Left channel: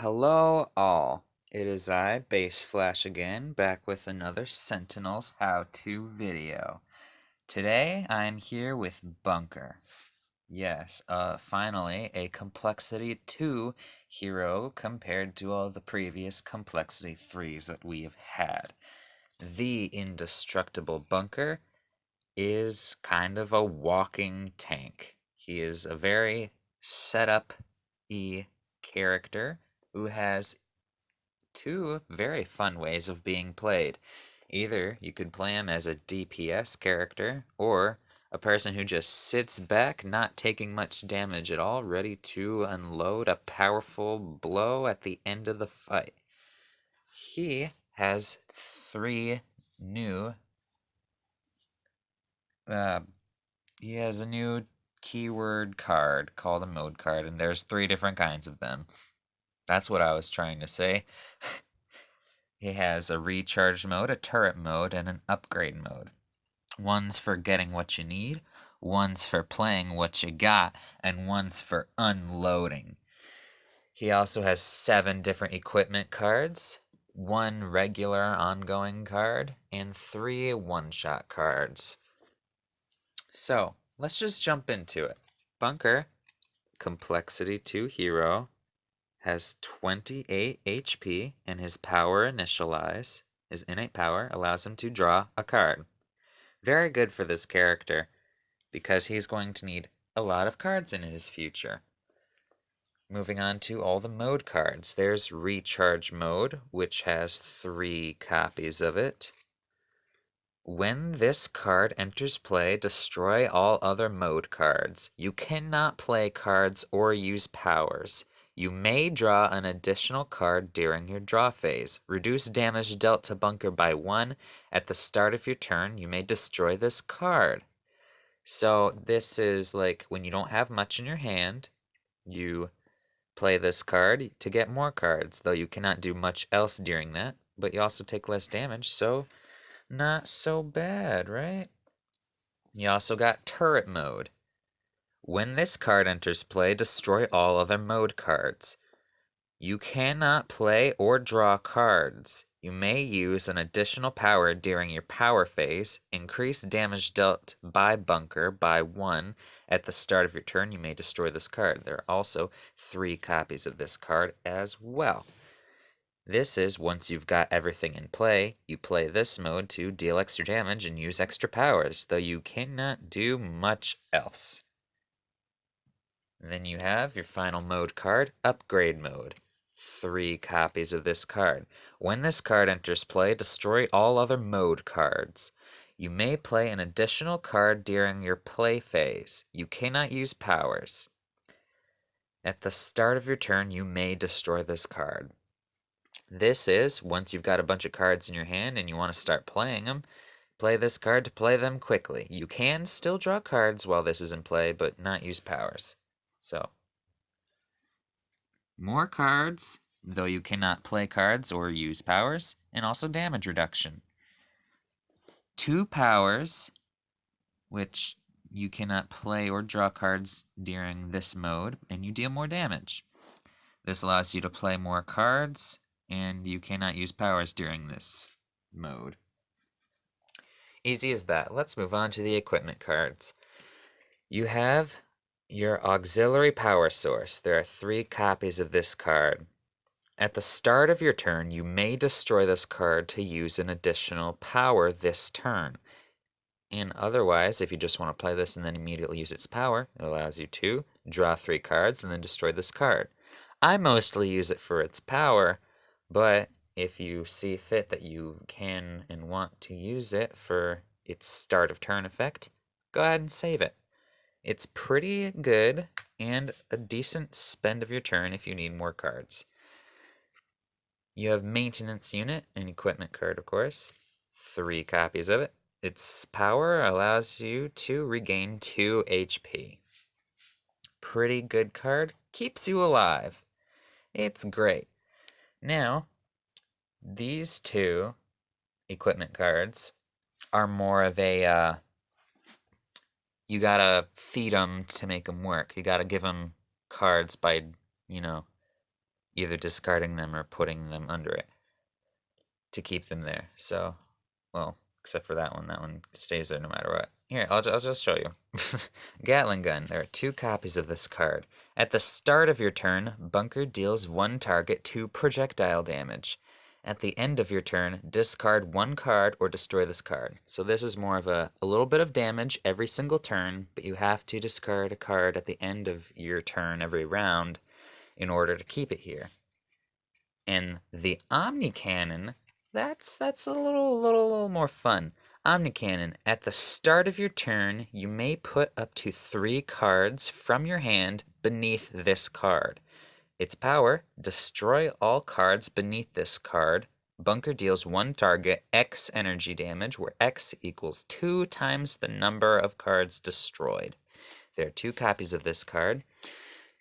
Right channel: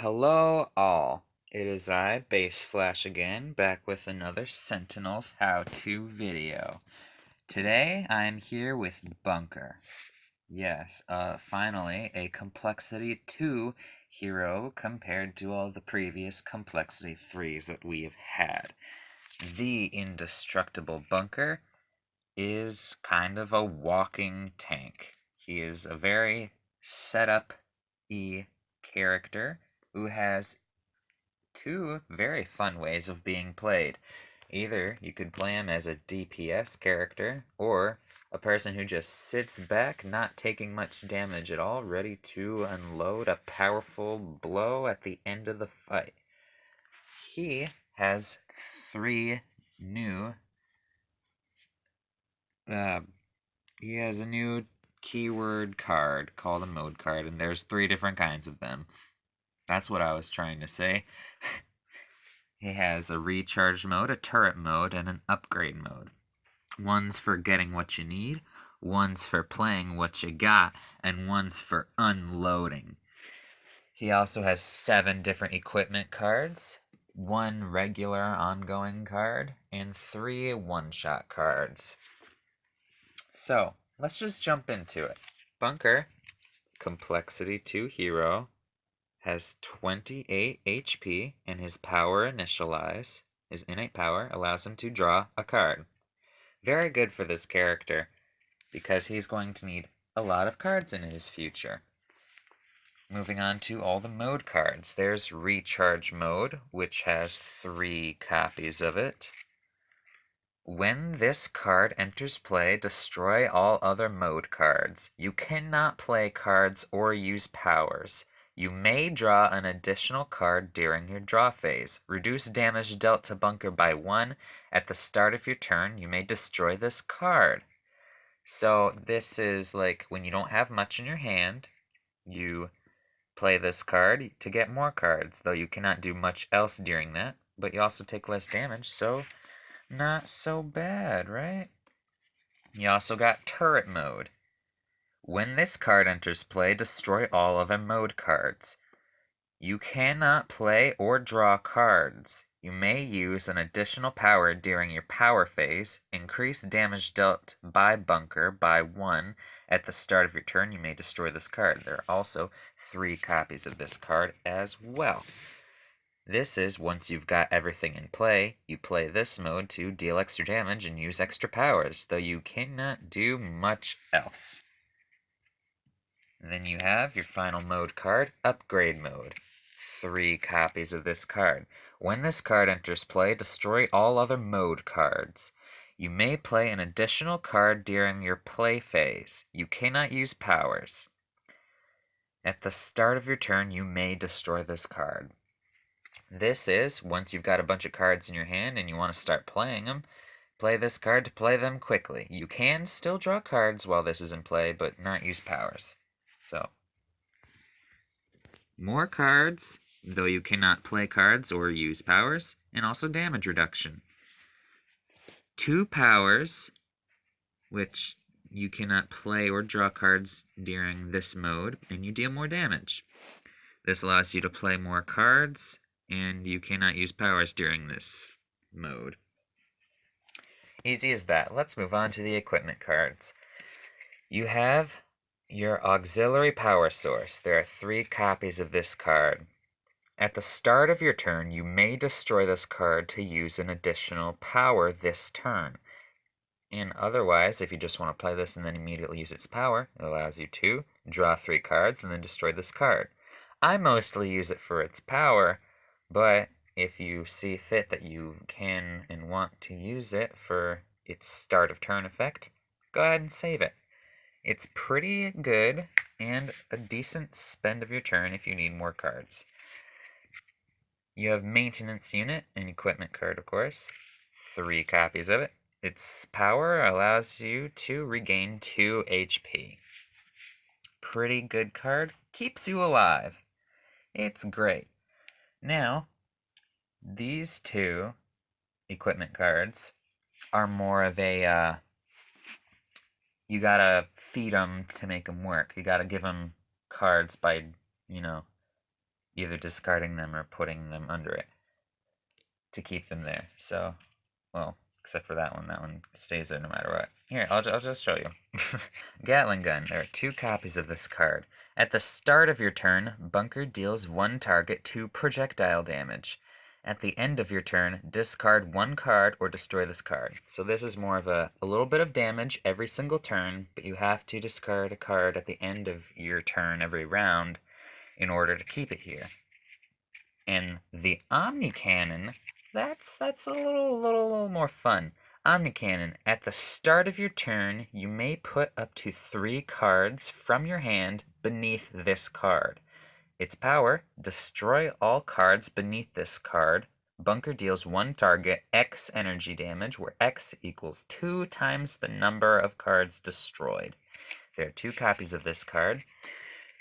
Hello all. It is I, Base Flash again, back with another Sentinels how-to video. Today I am here with Bunker. Yes, finally a Complexity 2 hero compared to all the previous Complexity 3s that we have had. The Indestructible Bunker is kind of a walking tank. He is a very setup-y character who has two very fun ways of being played. Either you could play him as a DPS character, or a person who just sits back, not taking much damage at all, ready to unload a powerful blow at the end of the fight. He has three new uh, he has a new keyword card called a mode card, and there's three different kinds of them. That's what I was trying to say. He has a recharge mode, a turret mode, and an upgrade mode. One's for getting what you need, one's for playing what you got, and one's for unloading. He also has 7 different equipment cards, 1 regular ongoing card, and 3 one-shot cards. So, let's just jump into it. Bunker, Complexity 2 hero, has 28 HP, and his power initialize, his innate power, allows him to draw a card. Very good for this character, because he's going to need a lot of cards in his future. Moving on to all the mode cards. There's Recharge Mode, which has 3 copies of it. When this card enters play, destroy all other mode cards. You cannot play cards or use powers. You may draw an additional card during your draw phase. Reduce damage dealt to Bunker by 1. At the start of your turn, you may destroy this card. So this is like when you don't have much in your hand, you play this card to get more cards, though you cannot do much else during that, but you also take less damage, so not so bad, right? You also got turret mode. When this card enters play, destroy all other mode cards. You cannot play or draw cards. You may use an additional power during your power phase. Increase damage dealt by Bunker by 1. At the start of your turn, you may destroy this card. There are also 3 copies of this card as well. This is once you've got everything in play, you play this mode to deal extra damage and use extra powers, though you cannot do much else. And then you have your final mode card, Upgrade Mode. 3 copies of this card. When this card enters play, destroy all other mode cards. You may play an additional card during your play phase. You cannot use powers. At the start of your turn, you may destroy this card. This is, once you've got a bunch of cards in your hand and you want to start playing them, play this card to play them quickly. You can still draw cards while this is in play, but not use powers. So, more cards, though you cannot play cards or use powers, and also damage reduction. 2 powers, which you cannot play or draw cards during this mode, and you deal more damage. This allows you to play more cards, and you cannot use powers during this mode. Easy as that. Let's move on to the equipment cards. You have your auxiliary power source. There are 3 copies of this card. At the start of your turn, you may destroy this card to use an additional power this turn. And otherwise, if you just want to play this and then immediately use its power, it allows you to draw 3 cards and then destroy this card. I mostly use it for its power, but if you see fit that you can and want to use it for its start of turn effect, go ahead and save it. It's pretty good and a decent spend of your turn if you need more cards. You have Maintenance Unit, an equipment card, of course. 3 copies of it. Its power allows you to regain 2 HP. Pretty good card. Keeps you alive. It's great. Now, these 2 equipment cards are more of a, you gotta feed them to make them work. You gotta give them cards by, either discarding them or putting them under it to keep them there. So, well, except for that one stays there no matter what. Here, I'll just show you. Gatling gun. There are 2 copies of this card. At the start of your turn, Bunker deals 1 target 2 projectile damage. At the end of your turn, discard 1 card or destroy this card. So this is more of a little bit of damage every single turn, but you have to discard a card at the end of your turn every round in order to keep it here. And the Omni Cannon, that's a little more fun. Omni Cannon, at the start of your turn, you may put up to 3 cards from your hand beneath this card. Its power, destroy all cards beneath this card. Bunker deals 1 target X energy damage, where X equals 2 times the number of cards destroyed. There are 2 copies of this card.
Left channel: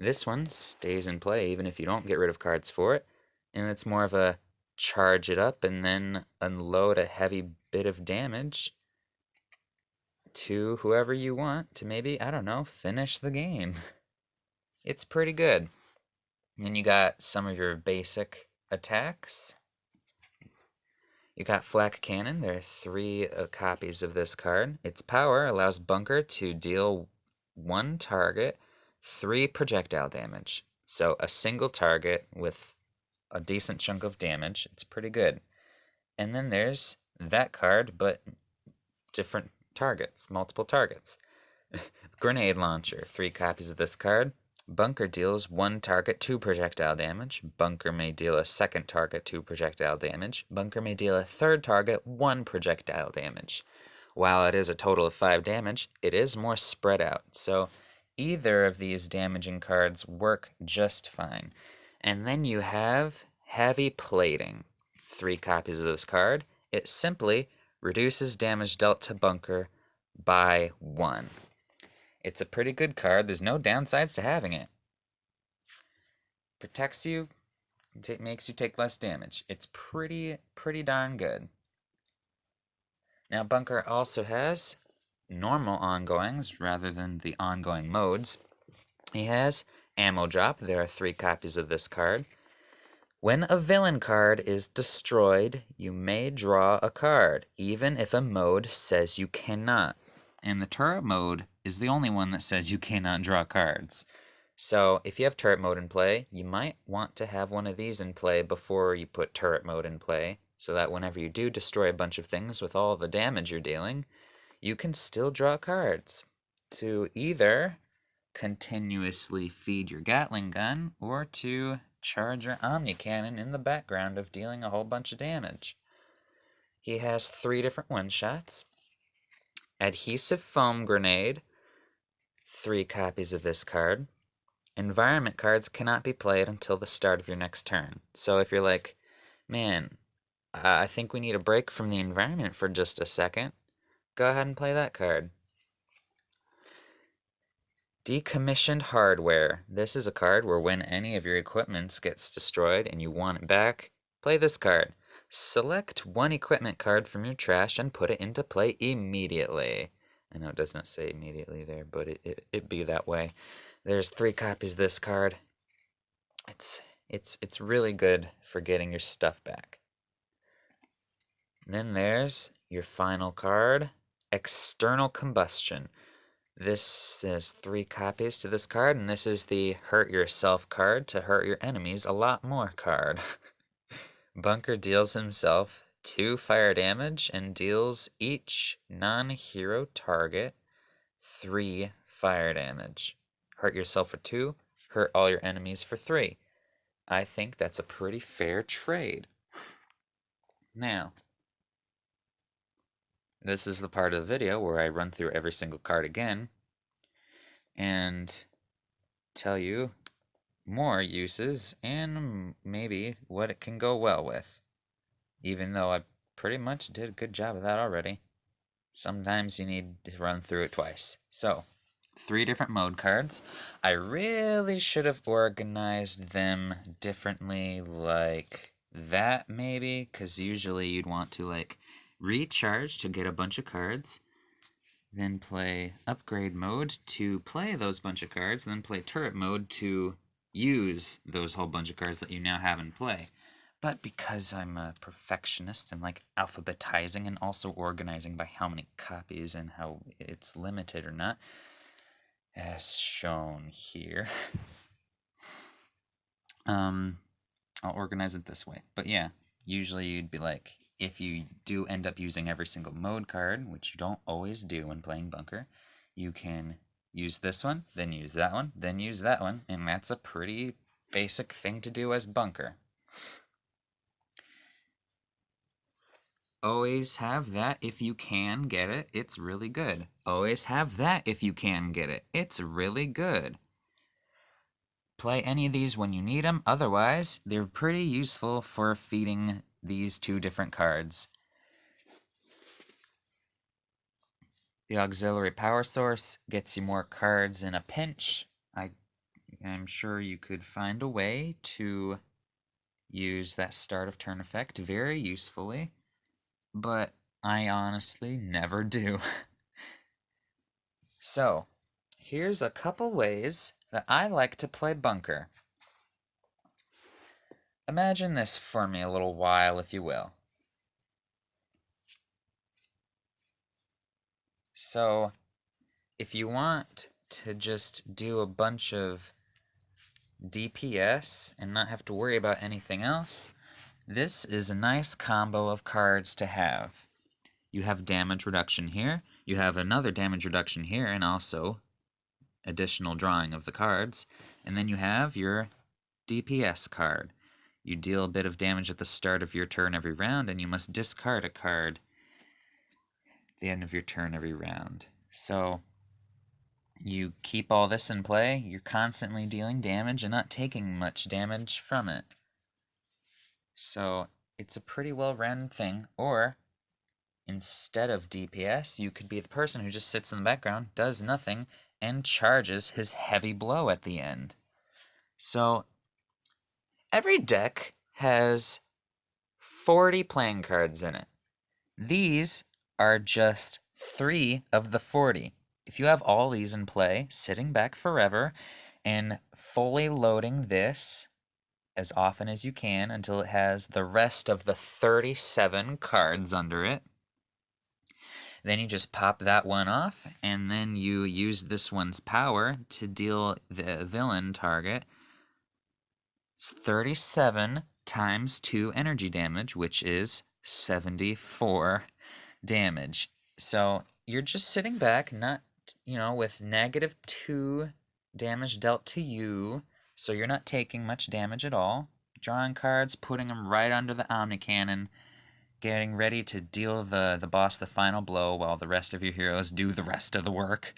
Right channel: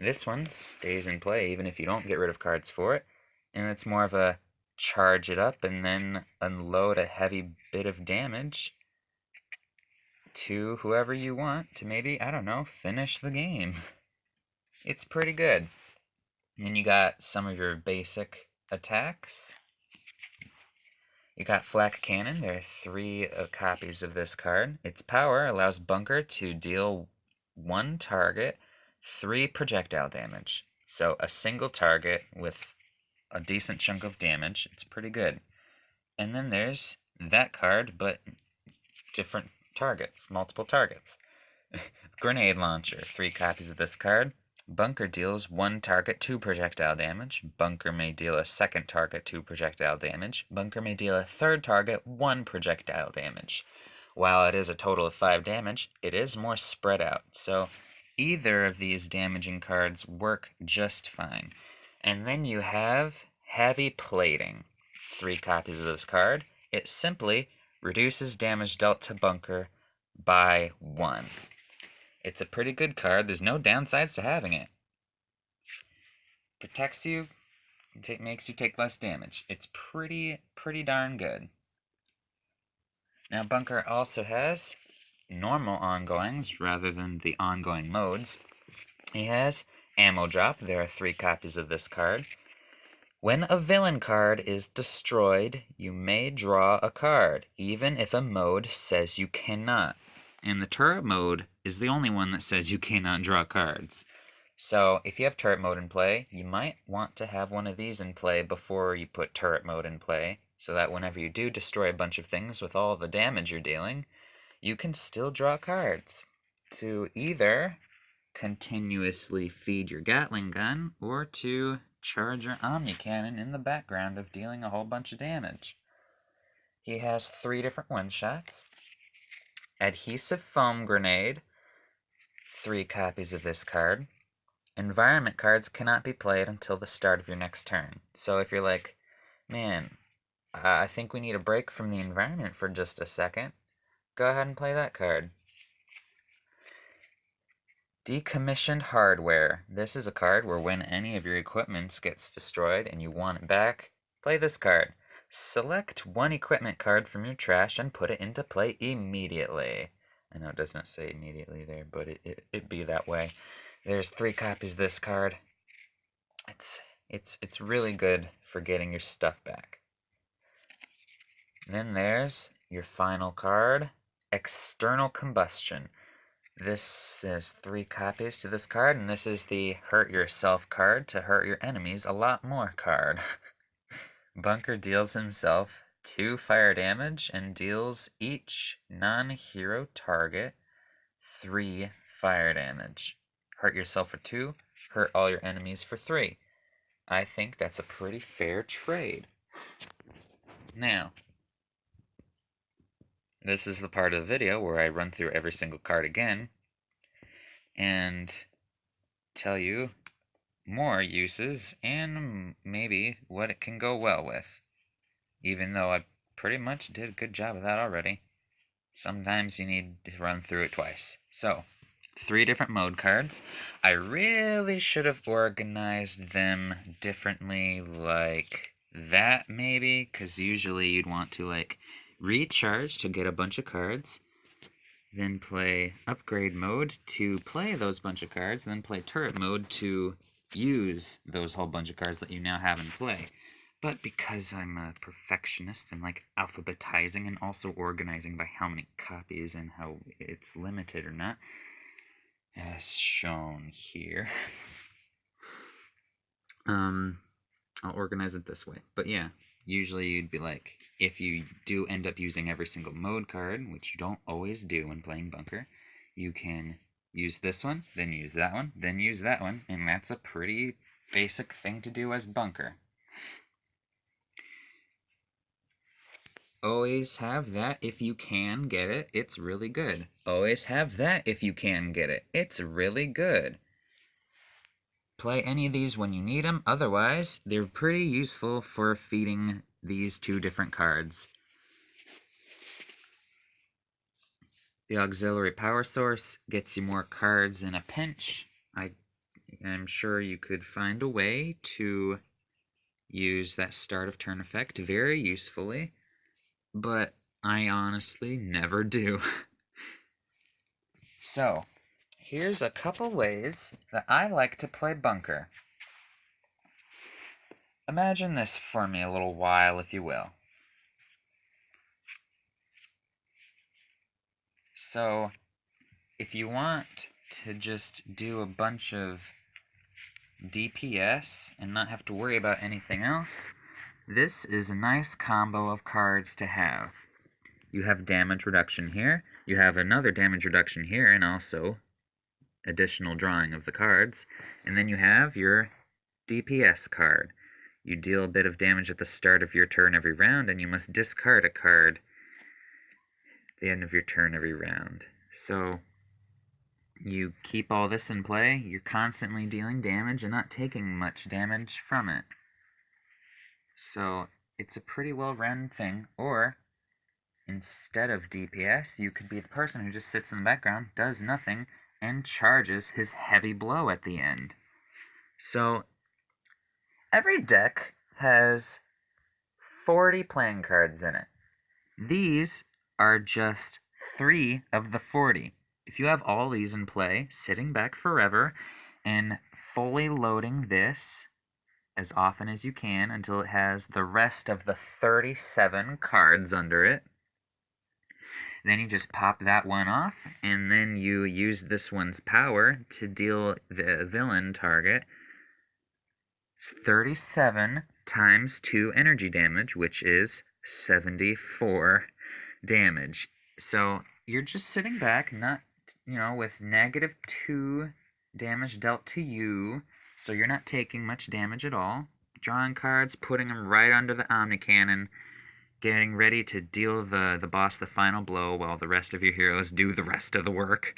This one stays in play even if you don't get rid of cards for it. And it's more of a charge it up and then unload a heavy bit of damage to whoever you want to maybe, I don't know, finish the game. It's pretty good. And then you got some of your basic attacks. You got Flak Cannon. There are 3 copies of this card. Its power allows Bunker to deal 1 target 3 projectile damage. So a single target with a decent chunk of damage. It's pretty good. And then there's that card, but different targets, multiple targets. Grenade Launcher, 3 copies of this card. Bunker deals 1 target 2 projectile damage. Bunker may deal a second target 2 projectile damage. Bunker may deal a third target 1 projectile damage. While it is a total of 5 damage, it is more spread out. So either of these damaging cards work just fine. And then you have Heavy Plating, 3 copies of this card. It simply reduces damage dealt to Bunker by 1. It's a pretty good card. There's no downsides to having it. Protects you, makes you take less damage. It's pretty darn good. Now, Bunker also has normal ongoings rather than the ongoing modes. He has Ammo Drop. There are 3 copies of this card. When a villain card is destroyed, you may draw a card, even if a mode says you cannot. And the turret mode is the only one that says you cannot draw cards. So if you have turret mode in play, you might want to have one of these in play before you put turret mode in play, so that whenever you do destroy a bunch of things with all the damage you're dealing, you can still draw cards to either continuously feed your Gatling gun or to charge your Omni Cannon in the background of dealing a whole bunch of damage. He has 3 different one-shots. Adhesive Foam Grenade, 3 copies of this card. Environment cards cannot be played until the start of your next turn. So if you're like, man, I think we need a break from the environment for just a second, go ahead and play that card. Decommissioned Hardware. This is a card where when any of your equipment gets destroyed and you want it back, play this card. Select 1 equipment card from your trash and put it into play immediately. I know it does not say immediately there, but it be that way. There's 3 copies of this card. It's really good for getting your stuff back. And then there's your final card, External Combustion. This is 3 copies to this card, and this is the Hurt Yourself card to hurt your enemies a lot more card. Bunker deals himself 2 fire damage and deals each non-hero target 3 fire damage. Hurt yourself for 2, hurt all your enemies for 3. I think that's a pretty fair trade. Now, this is the part of the video where I run through every single card again and tell you more uses and maybe what it can go well with. Even though I pretty much did a good job of that already. Sometimes you need to run through it twice. So, 3 different mode cards. I really should have organized them differently like that maybe, because usually you'd want to like recharge to get a bunch of cards, then play upgrade mode to play those bunch of cards, and then play turret mode to use those whole bunch of cards that you now have in play. But because I'm a perfectionist and like alphabetizing and also organizing by how many copies and how it's limited or not, as shown here, I'll organize it this way. But yeah, usually you'd be like, if you do end up using every single mode card, which you don't always do when playing Bunker, you can use this one, then use that one, then use that one, and that's a pretty basic thing to do as Bunker. Always have that if you can get it. It's really good. Always have that if you can get it. It's really good. Play any of these when you need them. Otherwise, they're pretty useful for feeding these two different cards. The auxiliary power source gets you more cards in a pinch. I'm sure you could find a way to use that start of turn effect very usefully, but I honestly never do. So, here's a couple ways that I like to play Bunker. Imagine this for me a little while, if you will. So, if you want to just do a bunch of DPS and not have to worry about anything else, this is a nice combo of cards to have. You have damage reduction here, you have another damage reduction here, and also additional drawing of the cards, and then you have your DPS card. You deal a bit of damage at the start of your turn every round, and you must discard a card at the end of your turn every round. So you keep all this in play, you're constantly dealing damage and not taking much damage from it. So it's a pretty well-run thing. Or instead of DPS, you could be the person who just sits in the background, does nothing, and charges his heavy blow at the end. So every deck has 40 playing cards in it. These are just 3 of the 40. If you have all these in play, sitting back forever and fully loading this as often as you can until it has the rest of the 37 cards under it, then you just pop that one off, and then you use this one's power to deal the villain target 37 times 2 energy damage, which is 74 damage. So you're just sitting back, not, with -2 damage dealt to you, so you're not taking much damage at all. Drawing cards, putting them right under the Omni Cannon, getting ready to deal the boss the final blow while the rest of your heroes do the rest of the work.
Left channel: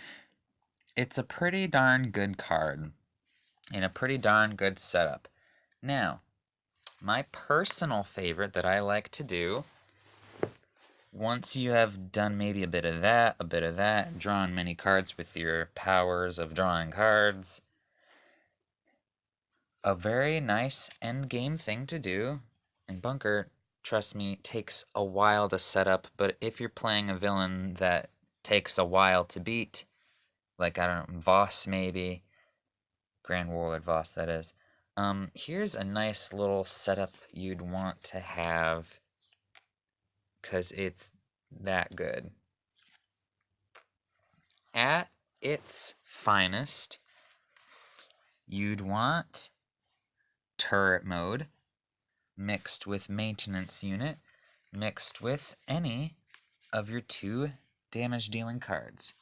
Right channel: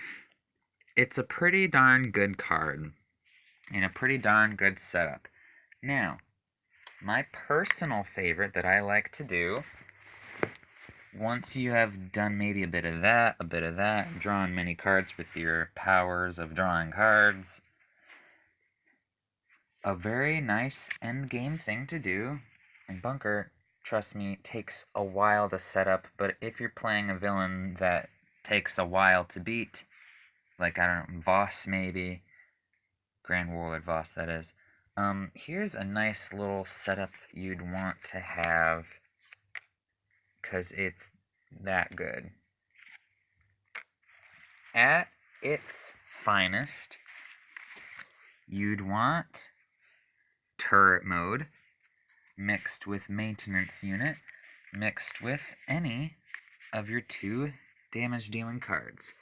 It's a pretty darn good card, and a pretty darn good setup. Now, my personal favorite that I like to do, once you have done maybe a bit of that, drawn many cards with your powers of drawing cards, a very nice endgame thing to do, and Bunker, trust me, takes a while to set up, but if you're playing a villain that takes a while to beat, like, I don't know, Voss maybe, Grand Warlord Voss, that is, here's a nice little setup you'd want to have, because it's that good. At its finest, you'd want turret mode mixed with maintenance unit mixed with any of your 2 damage dealing cards.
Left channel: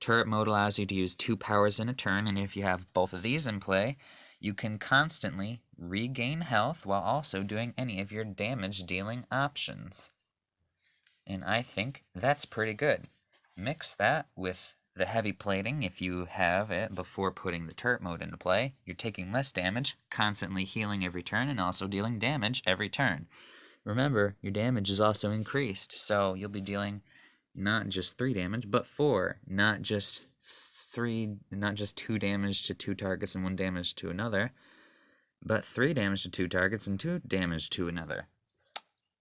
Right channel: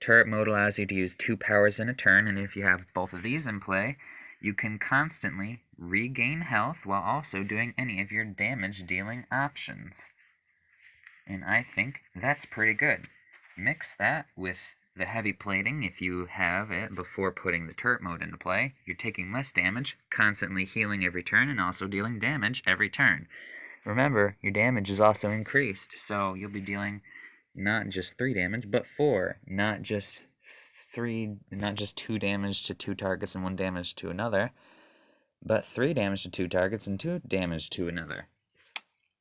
Turret mode allows you to use 2 powers in a turn, and if you have both of these in play, you can constantly regain health while also doing any of your damage dealing options. And I think that's pretty good. Mix that with the heavy plating if you have it before putting the turret mode into play. You're taking less damage, constantly healing every turn, and also dealing damage every turn. Remember, your damage is also increased, so you'll be dealing not just 3 damage, but 4. Not just 2 damage to 2 targets and 1 damage to another, but 3 damage to 2 targets and 2 damage to another.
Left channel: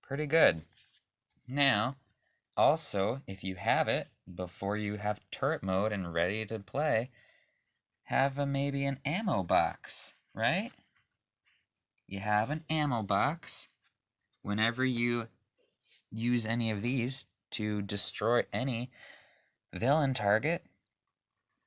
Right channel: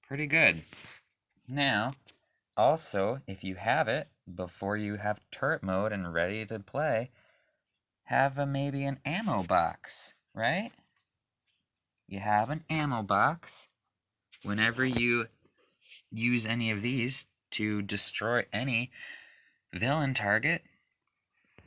Pretty good. Now, also, if you have it, before you have turret mode and ready to play, have maybe an ammo box right? You have an ammo box. Whenever you use any of these to destroy any villain target,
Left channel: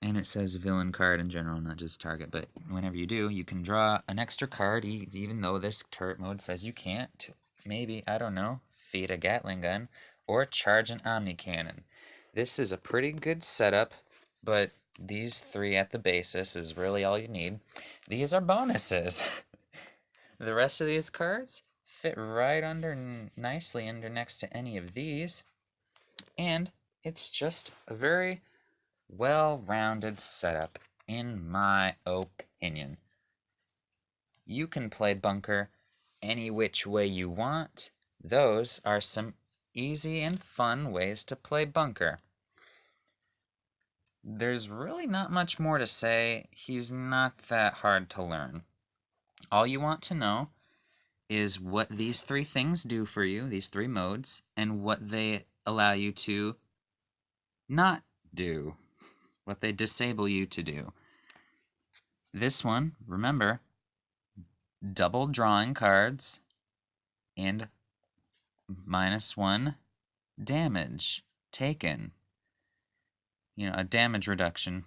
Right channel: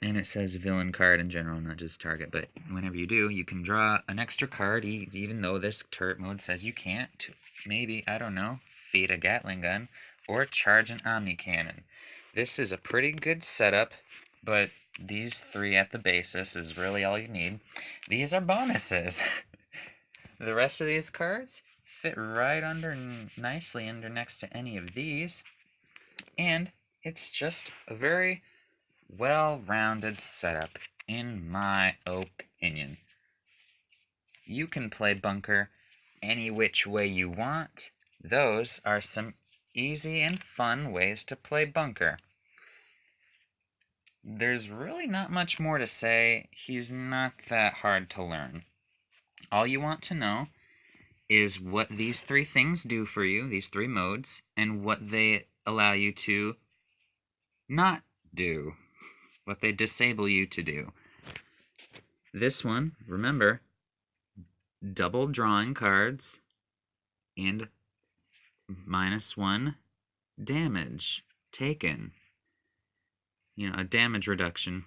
and it says villain card in general, not just target, but whenever you do, you can draw an extra card, even though this turret mode says you can't. Maybe, I don't know, feed a Gatling gun, or charge an Omni Cannon. This is a pretty good setup, but these three at the basis is really all you need. These are bonuses. The rest of these cards fit right under nicely under next to any of these, and it's just a very well-rounded setup, in my opinion. You can play Bunker any which way you want. Those are some easy and fun ways to play Bunker. There's really not much more to say. He's not that hard to learn. All you want to know is what these three things do for you, these three modes, and what they allow you to not do, what they disable you to do. This one, remember, double drawing cards and -1 damage taken. You know, a damage reduction.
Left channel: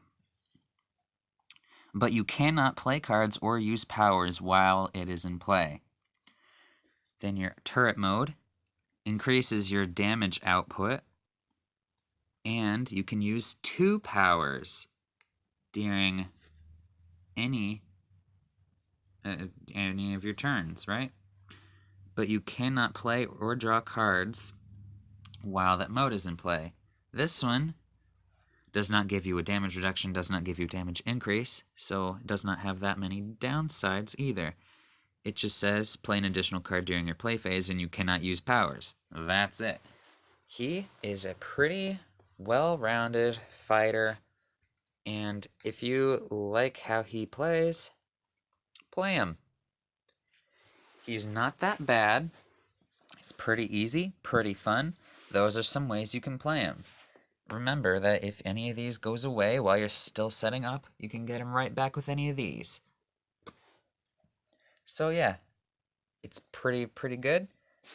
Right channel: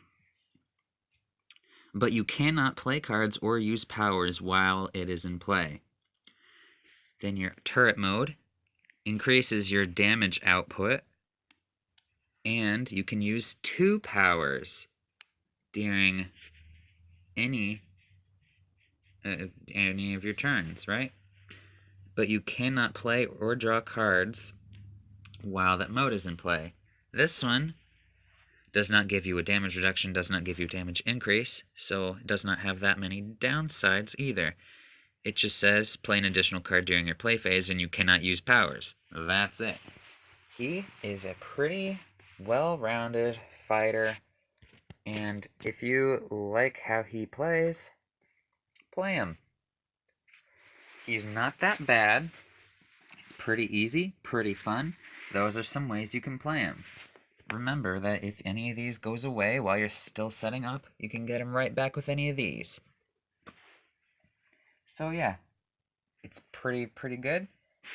But you cannot play cards or use powers while it is in play. Then your turret mode increases your damage output, and you can use 2 powers during any of your turns, right? But you cannot play or draw cards while that mode is in play. This one does not give you a damage reduction, does not give you a damage increase, so it does not have that many downsides either. It just says play an additional card during your play phase and you cannot use powers. That's it. He is a pretty well-rounded fighter, and if you like how he plays, play him. He's not that bad. He's pretty easy, pretty fun. Those are some ways you can play him. Remember that if any of these goes away while you're still setting up, you can get him right back with any of these. So yeah, it's pretty good,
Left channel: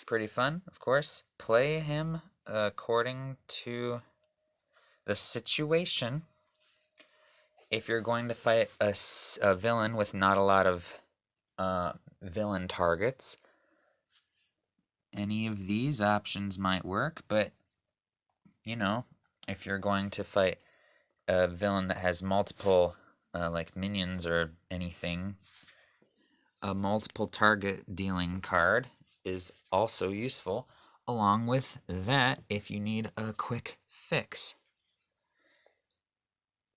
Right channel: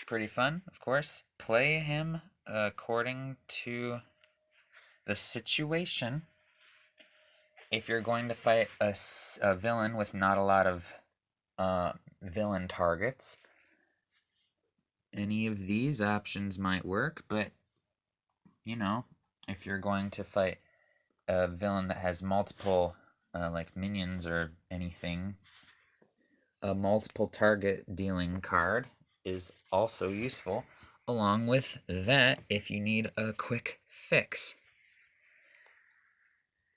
pretty fun, of course. Play him according to the situation. If you're going to fight a villain with not a lot of villain targets, any of these options might work, but, you know, if you're going to fight a villain that has multiple, like minions or anything, a multiple target dealing card is also useful, along with that if you need a quick fix.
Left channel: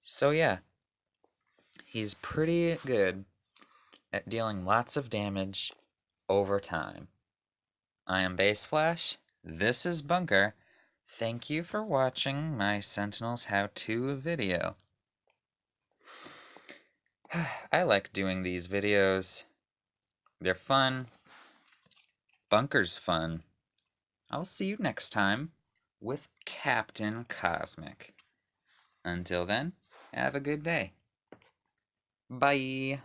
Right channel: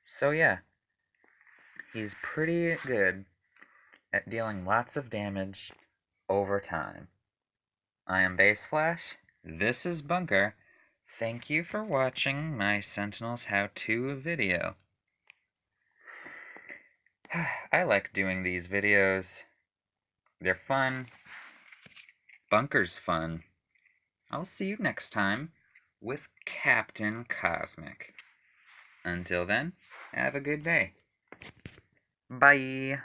So yeah, he's pretty good at dealing lots of damage over time. I am Base Flash, this is Bunker. Thank you for watching my Sentinels how-to video. I like doing these videos. They're fun. Bunker's fun. I'll see you next time with Captain Cosmic. Until then, have a good day. Bye.